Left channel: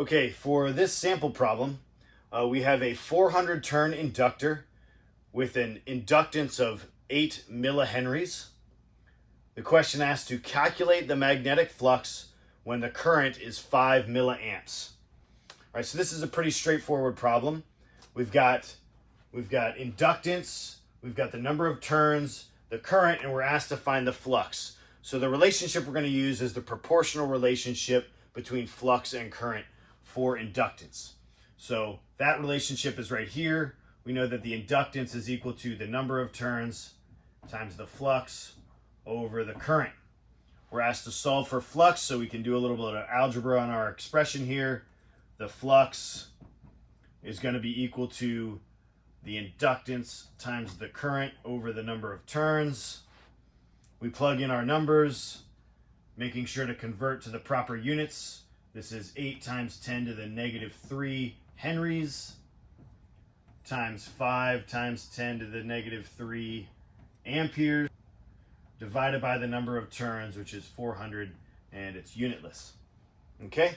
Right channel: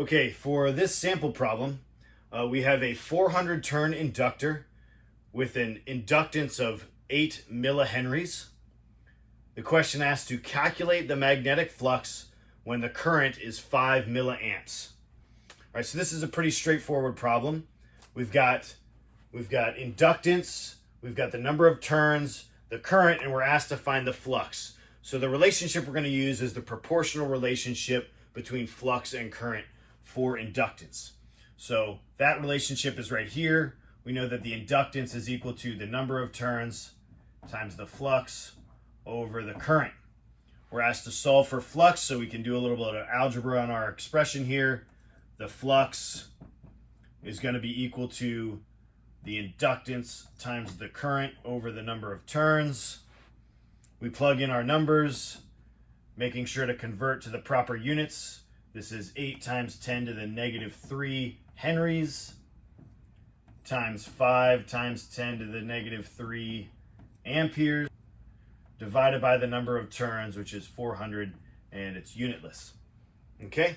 Okay, for this sample problem, we have a 400 turn inductor with an inductance of 8 millihenries. The question asks to calculate the magnetic flux when the current is 5 milliamps. All right, so this is a pretty straightforward problem. We've got inductance, we've got the number of turns, the current, and we're asked to find the flux. So the relationship we're going to use is the proportional relationship between flux and current for inductance. So that relationship is right here. We know that the inductance is equal to the number of turns times the flux over the current. We're asked to solve for flux, so we can do a little bit of algebra on our expression here. The flux is going to be equal to the inductance times the current over the number of turns. We plug in our numbers, making sure to convert to the proper units. This is 8 times 10 to the negative 3 henries times 5 times 10 to the negative 3 amperes divided by the number of turns, which is 400, and it's unitless. Okay,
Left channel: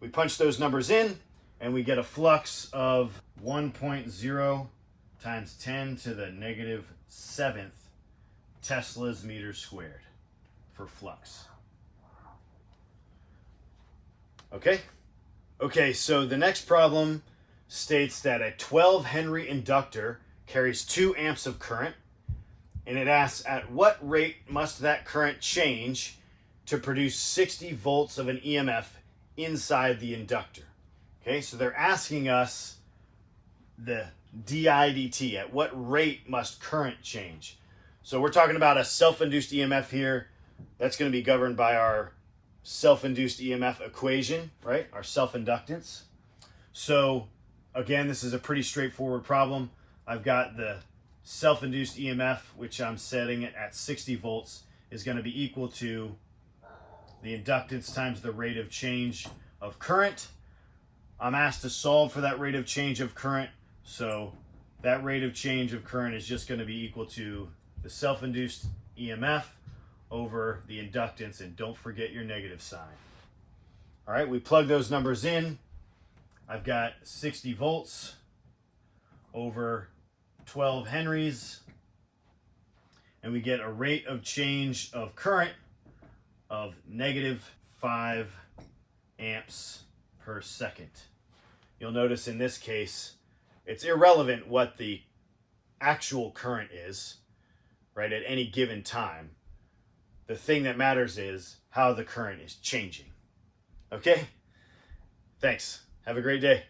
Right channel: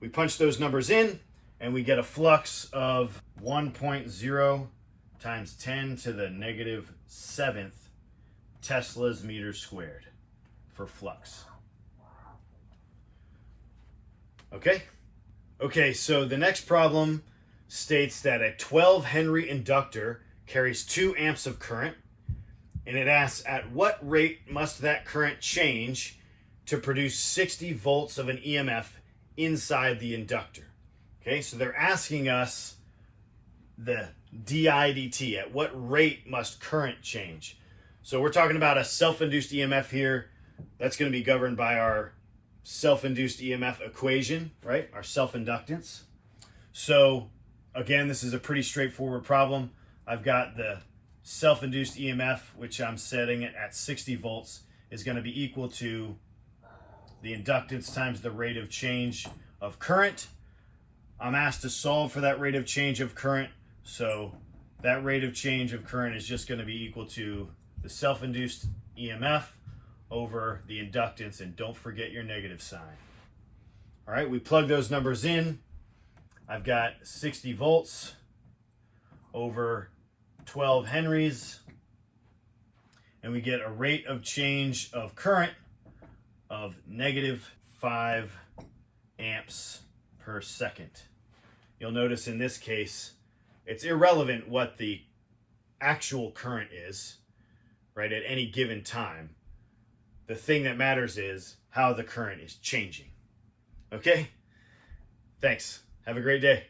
we punch those numbers in and we get a flux of 1.0 times 10 to the negative 7th Tesla's meters squared for flux. Okay, so the next problem states that a 12 Henry inductor carries 2 amps of current, and it asks at what rate must that current change to produce 60 volts of an EMF inside the inductor. Okay, so they're asking us the dIdt, at what rate must current change? So we're talking about a self-induced EMF here. That's going to be governed by our self-induced EMF equation, right? Our self-inductance. So again, this is a pretty straightforward problem. I've got the self-induced EMF, which I'm setting it at 60 volts, is going to be equal to the inductance times the rate of change of current. I'm asked to solve for that rate of change of current. So that rate of change of current is just going to be equal to the self-induced EMF over the inductance, and don't forget your negative sign. All right, we plug those numbers in. I've got 60 volts over 12 henries, and we get a rate of change of current of negative 5 amps per second. You'll notice in this case, it's irrelevant what the actual current is, right, at any given time. The thing that matters is how the current is changing. Okay? Thanks. Have a great day.